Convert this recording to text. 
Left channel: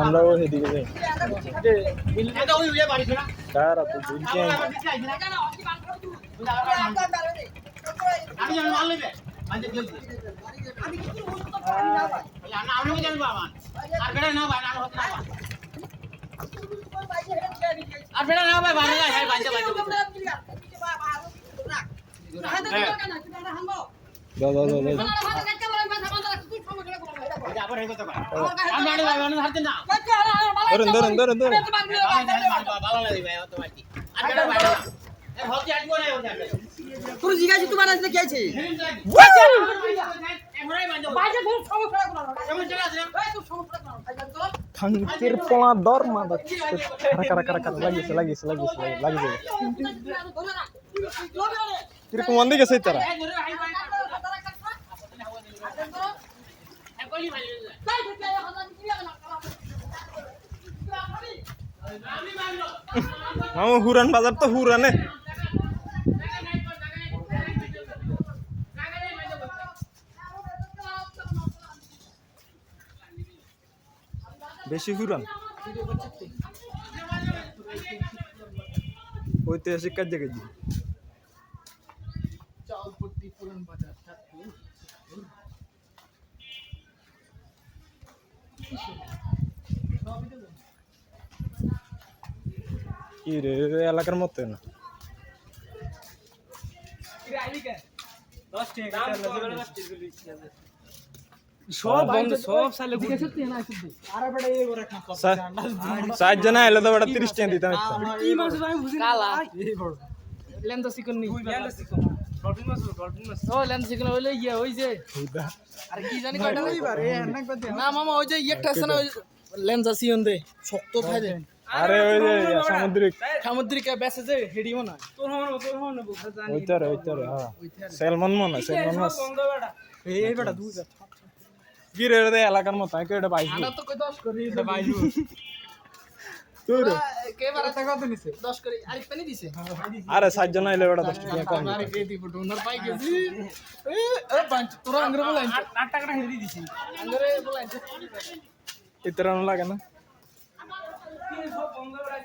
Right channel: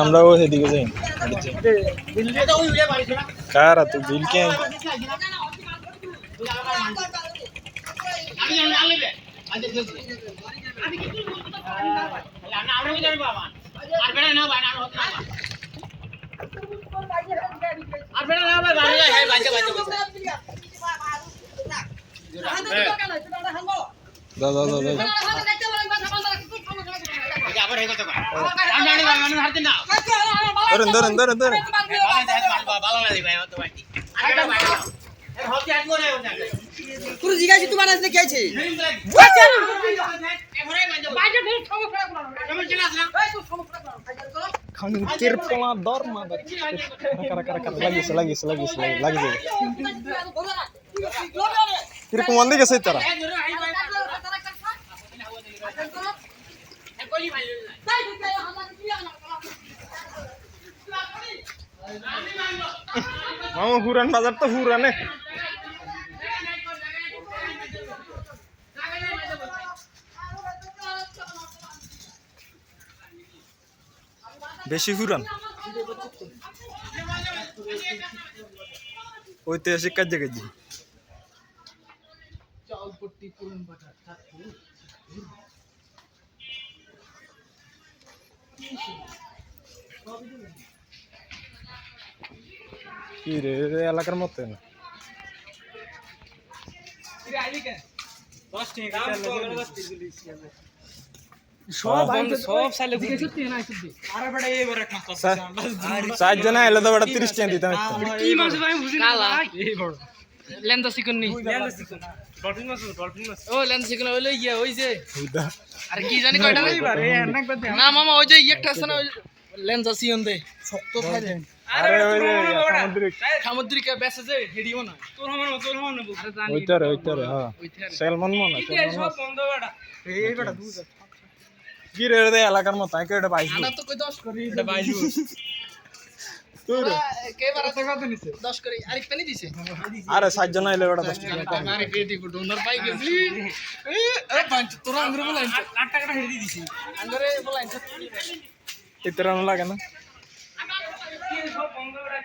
আমরাও সেদিকে যাই কারা তুই বিল কে দাদা দাদা ধরেন ধরেন ধরেন ধরেন তুই জিজ্ঞাসা তোমার আসলে কি আছে খাঙ্কির পোলা দর মা কারা কারা কারা লাগিয়েছে লাগিয়েছে লাগিয়েছে লাগিয়ে কিরকম মন দিকে সেই তারা মামা হুরান বাজার তো হুরানে বেশি হুরান ঐতিহাসিক কাজে কাজে কি রে এলাকার মতো না सात जना आले तो बड़ा 30 টাকা দিতাম কি মাছ ভাই বুঝি না এই বড় লেন্দা চিকন নি লেন্দা চিকন ডলফিন মাছ ও লেন্দা চিকন হইলো ইয়া ওই যে আরে কি জানি কয়টা না মামা ওই যে একটা আছে না লেন্দা চিকন দে শক্ত খাই দে আরে ওই যে সামুদ্রিক বেসে যে হেডিও না তোর হন আরে জানি ওইটারে হ্যাঁ সেলমন মন সেলমন মাছ এই বড় দুধ কি রে রে এলাকার মতো আই কেডা পাইছো না তো কই 10 করি এটা পাইছো তোর কে বারে টাকা কত নিছে 10 করি আরেক পানি দিছে আরে সাত জন আইলে বড় 10 টাকা কম আরে পেটি কো ডোনার পাই গেলি এ পাঁচ তোরা আঙ্গুরে বলাইন 8 টাকাটা হেডি দিছি আঙ্গুরে বলাইন ইতরা না লাগে না সব বন্ধ করে